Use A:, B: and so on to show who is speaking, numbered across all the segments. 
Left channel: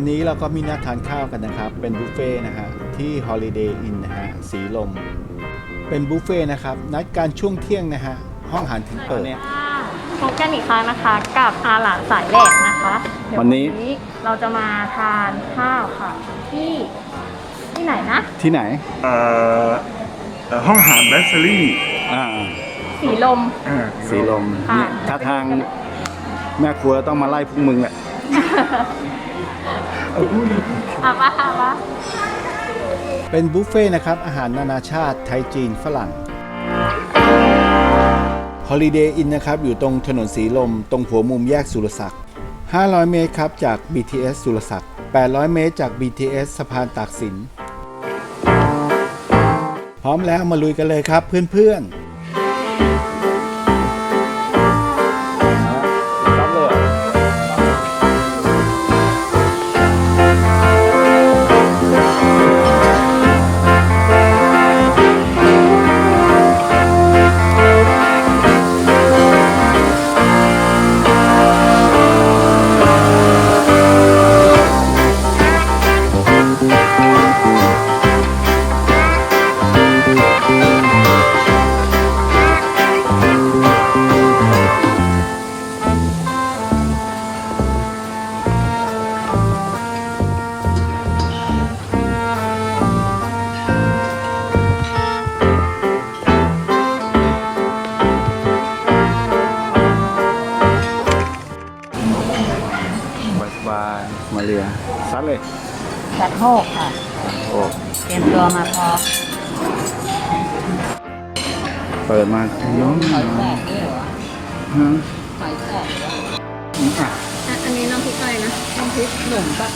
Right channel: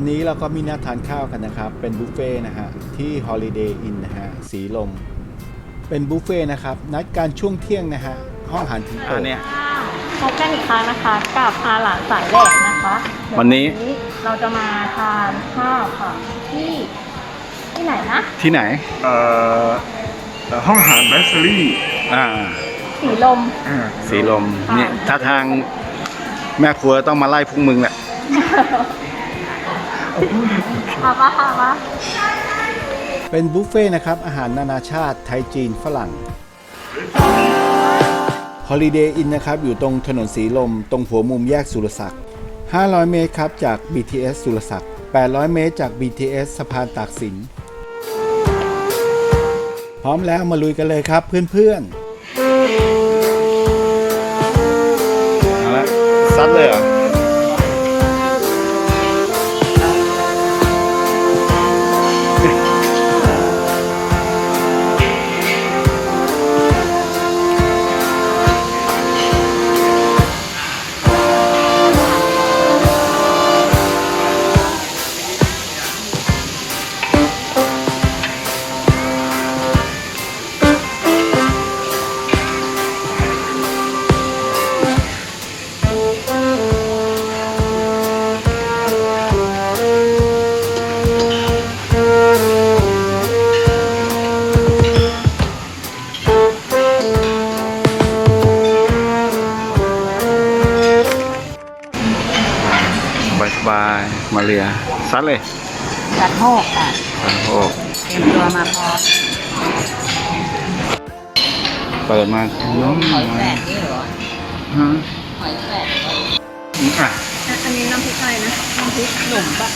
A: วันนี้เราก็มีนัดทานข้าวกันนะครับ เป็นบุฟเฟ่ต์นะฮะที่ Holiday Inn นะฮะสีลม เป็นบุฟเฟ่ต์นะครับ นัดการช่วงเที่ยงนะฮะ ห้องอาหารถึงเปิด
B: พบกันอีกครั้งนะคะกับอาหลานสายแหลกนะคะเดี๋ย
A: วันนี้
B: เราจะมาทานข้าวค่ะ ที่ที่ไหนนะ
A: ที่ไหน
C: เอ่อเอ่อห้องอาหารแบสเซอรี่
A: อ่า
B: สีลม
C: อ่า
A: สีลม
B: ค่ะ
A: เนี่ยถ้าทางแม่ครัวต้องมาไล่พวกมึงแหละ
B: เอาปะเอาปะ
A: เป็นบุฟเฟ่ต์นะครับ อาหารนานาชาติ ไทยจีนฝรั่ง Holiday Inn นะครับ อยู่ตรงถนนสีลม ตรงหัวมุมแยกสุรศักดิ์ 500 เมตรครับ จาก BTS สุรศักดิ์ 800 เมตรจาก BTS สะพานตากสิน พร้อมแล้วมาลุยกันเลยครับเพื่อนๆเอาละซัดเลยเหรอ มาเรียซัดเลย
B: จัดโฮกค่ะ
A: ซัดโอ้
B: เตรียมตัวมาพอ
A: เปิดมาน้องหน่อยฮะ
B: หอยแครง
A: อืมอะ
B: อันนี้น้ำพริกอะไรนะ น้ำพริกหนุ่มปะ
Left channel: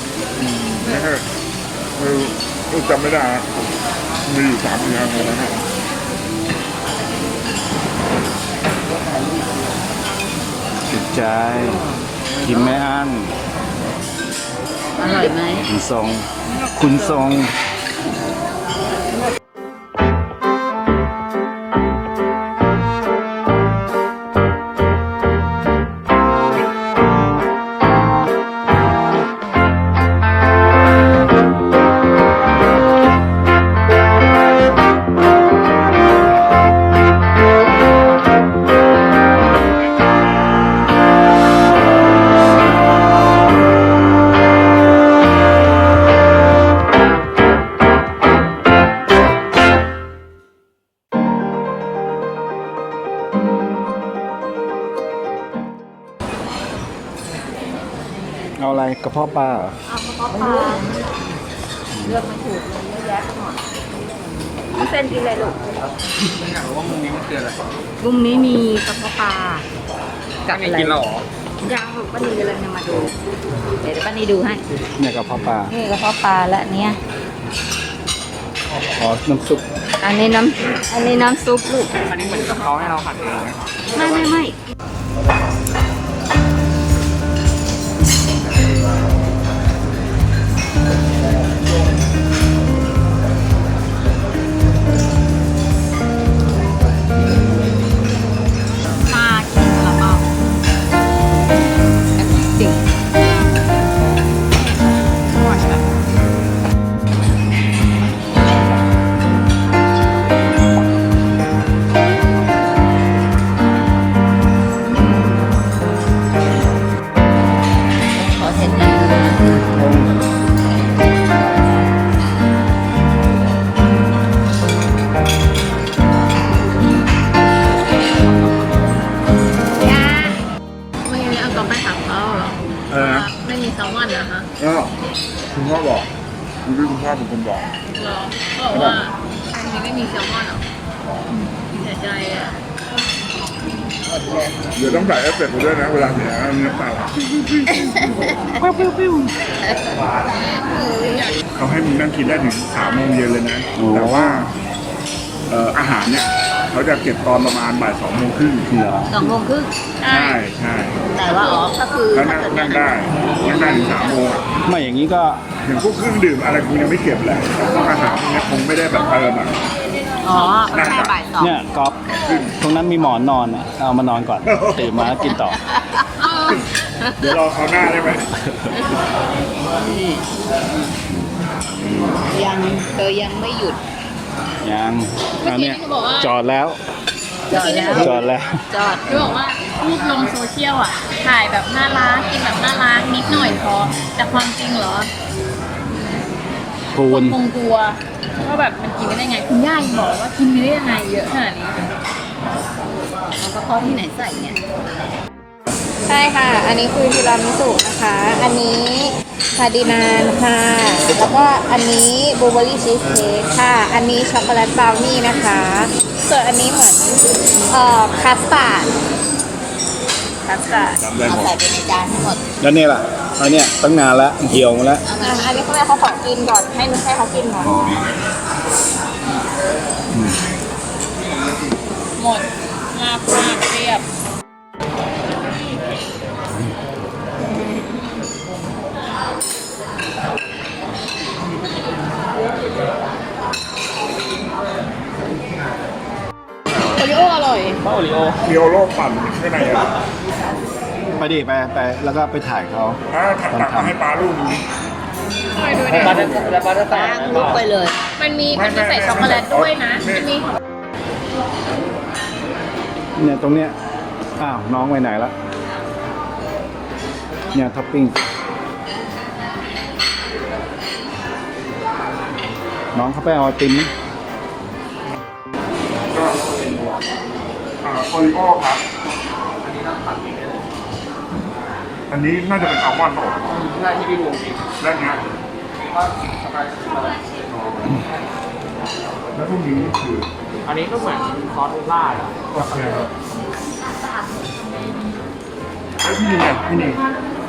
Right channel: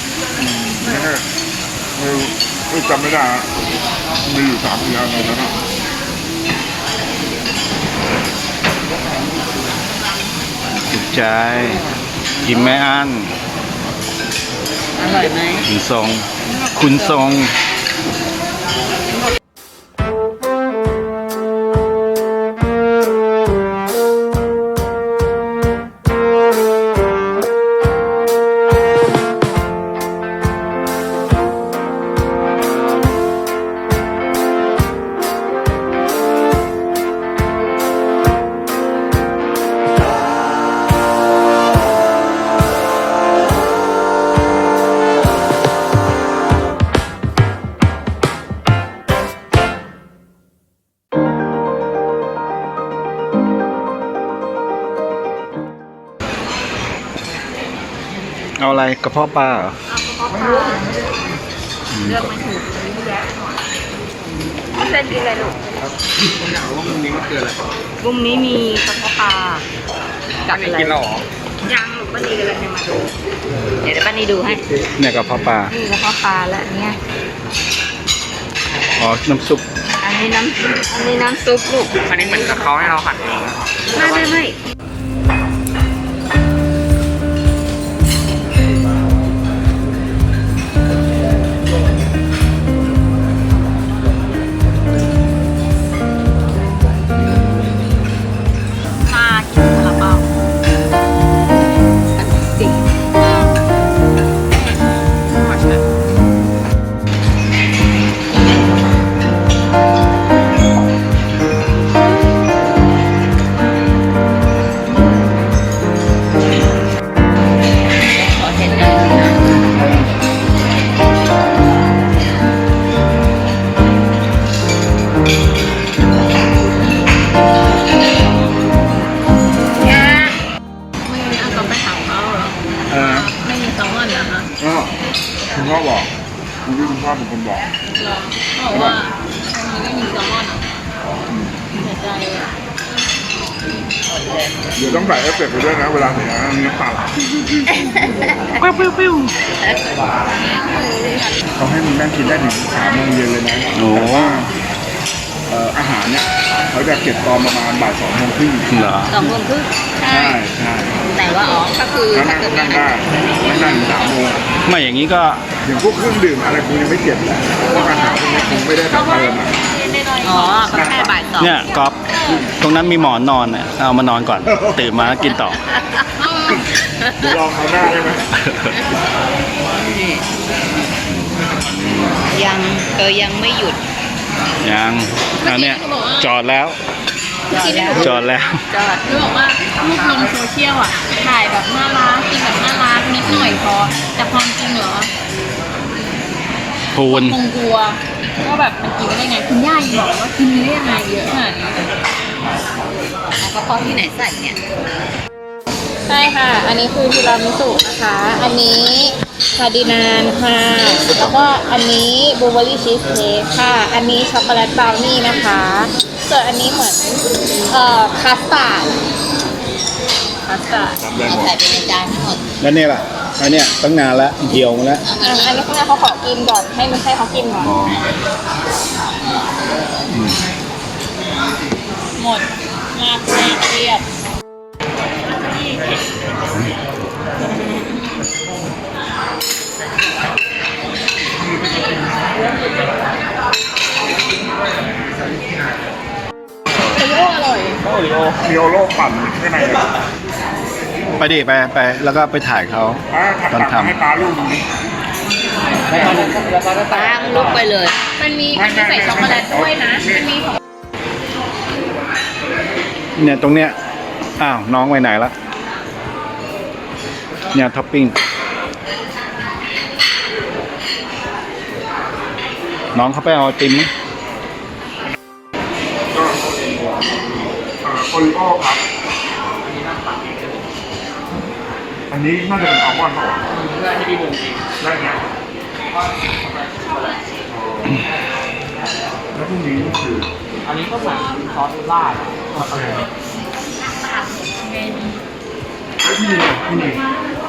C: เออเออเออจำไม่ได้อะมีอยู่สามอย่างตอนนั้นอะ
A: ถูกใจกินไม่อั้น
B: อร่อยไหม
A: คุณทรง คุณทรง เอาอะไรกระเพาะปลาเหรอ
B: เลือกไม่ถูกนี่เป็นดีเลยลูกลุงนี้มีกระเพาะปลากับอะไรกินหรอยังลูกป้านีกำลังจะมาดูเดี๋ยวเดี๋ยวป้านีดูให้
A: เนี่ยกระเพาะปลา
B: นี่กระเพาะปลาและอันเนี้ย
A: อ๋อน้ำซุป
B: อันนี้น้ำอันนี้น้ำซุปลูก
D: อันนี้เหมือนกับเขาให้เราหั่นเอง
B: ไม่ไม่ไม่
C: พ่อบอกคุณพี่คุณพ่อเป็นคนบอก
B: เหรอเขาบอกว่าวันนี้ไม่มีแซลมอนเหรอเสียใจอะ
C: เดี๋ยวต้องใส่เอฟเฟกต์ไปด้วยนะ เวลาเสียเนื้อเปล่า
B: ปิ้วปิ้วปิ้ว
C: เขาให้มันแม่งกินได้ถึงสามโมงเย็นเลยนะ
A: โอ้
C: แต่ว่าเอ่ออาหารเนี่ย เขาจะเก็บตอนประมาณบ่ายสองโมงครึ่ง
A: เหรอ
B: สองโมงครึ่ง
C: ใช่ใช่
B: แต่ว่าอ๋อก็คือ
C: นั่น
B: ถ้าเกิด
C: นั่นได้ไม่ได้ถึงสามโมง
A: ไม่อย่างนี้ก็
C: ถึงพวกเครื่องดื่มอะไรคงยังไม่เก็บแหละเพราะอาหารพวกนี้คงไม่ได้แบบเติมอะ
B: อ๋อแค่บ่ายสอง
A: เนี่ยก๊อฟตรงนั้นมีหมอนนอนเนี่ยเอามานอนก่อน ตื่นมาแล้วกินต่อ
B: อ๋อ
C: เดี๋ยวลองคราวหน้าได้ไหม
B: ยังเธอยังไม่หยุด
A: ยังอันเนี้ย
D: เมื่อกี้เขาบอกว่า
A: จอดแล้ว
D: เมื่อกี้ที่หนู
A: จอดแล้ว
B: จอด
D: หนูบอกว่า รูปลงโซเชียลอะ ถ่ายแบบน่ารักกินแบบน่ารักนิดหน่อยพอ แต่ความจริงเหรอ
A: พูน
D: คงกลัวว่าแบบมันกินไม่ได้ไง คุณย่ายังบอกว่ากินไม่ได้ยังไงเยอะขนาดนี้
B: แล้วก็เขาที่ไหนใส่เนี่ย
D: ใช่ค่ะ อันนี้คือทีรามิสุนะคะ อันนี้คาร์ดินานค่ะ แล้วก็อันนี้บลูเบอรี่ชีสเค้กค่ะ อันนี้ช็อกโกแลตบราวนี่นะคะ ส่วนอันนี้เหมือนเอ่อคัสตาร์ด คัสตาร์ด
C: จำได้ห
B: เอา
C: มด
B: ใส่ไปในจานทั้งหมด
A: แล้วเนี่ยล่ะอันเนี้ยตั้งนานแล้วเหี่ยวมาแล้ว
D: อะอันนี้เขาเขาขอกินก่อน ให้นุ้ให้เขากินก่อน
A: อ๋อ
D: หมดมากมากเรียบโอริโออร่อย
A: โอริโอ
C: เรียวโลกปั่นข้างในเลย
A: ไปดิไปไปแล้วก็ไปถ่ายเขา
C: ถ้าถัก
A: ตอน
C: ตัก
A: ทำ
C: ให้ปลาลูกดูดิ
B: ล้างลุกไปเลย
D: มันมี
C: ไม่
D: มันมี
C: ไม่
D: ใส่ช็อกโกแลตด้วยนะ
C: ไม่
D: มันมีของ
A: เนี่ยตรงเนี้ยอ้าวน้องไปไหนละเนี่ยท็อปปิ้งน้องเขาไปเอาไอติมมั้ง
C: ก็อ่าโอริโอครับ อันนี้น่าจะเป็นอัลมอนด์เปล่าเพื่อที่พี่บูมกินแล้วเนี้ยแล้วพรุ่งนี้คือ
E: อันนี้ก็เหมือนซอสลาดอะ
C: อะไรครับเอ้ยพี่นี่พี่นี่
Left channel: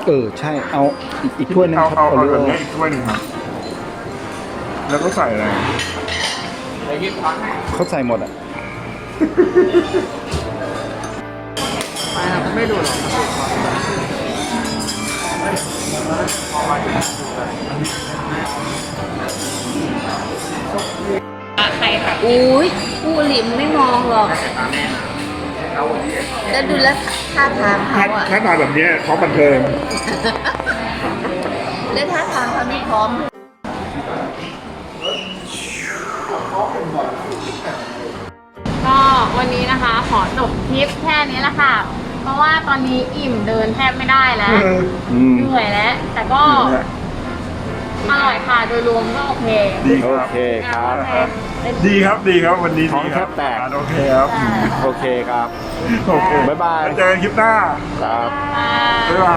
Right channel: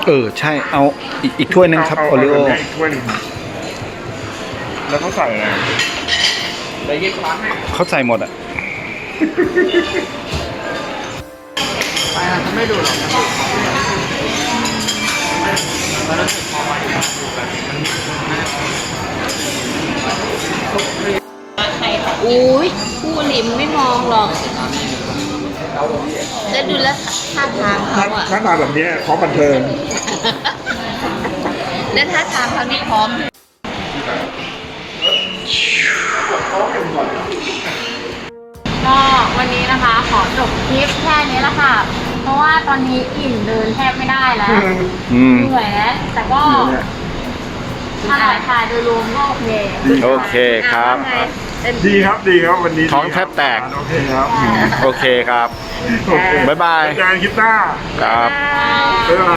A: เออใช่เอาอีกอีกถ้วยหนึงครับ
C: เา
A: โอริโอ
C: เาแบบนี้กถ้วยหนึ่งครับแล้วก็ใส่อะไร
E: เดี๋ยวยี่สิบวันให้
A: เขาใส่หมดอะ
D: ไข่ค่ะ
B: อุ้ยผู้หลิมไม่มองหรอกแล้วดูแล้วท่าทาง
C: ถ้า
B: เขาอะ
C: ถ้ามาแบบเนี้ยพร้อมบันเทิง
B: แล้วท่าทางเขานี่พร้อม
D: ก็วันนี้นะคะขอจบคลิปแค่นี้แหละค่ะ เพราะว่าตอนนี้อิ่มเดินแทบไม่ได้แล้วเหนื่อยแล้ว แต่ก็อร่อยค่ะโดยรวมก็โอเคดี
A: โอเคครับ
C: ดีครับดีครับวันนี้
A: ท้องแทบแตก
C: โอเคครับ
A: โอเคครับบ๊ายบาย
C: เจอกันคลิปหน้า
A: ครับ
C: บ๊ายบาย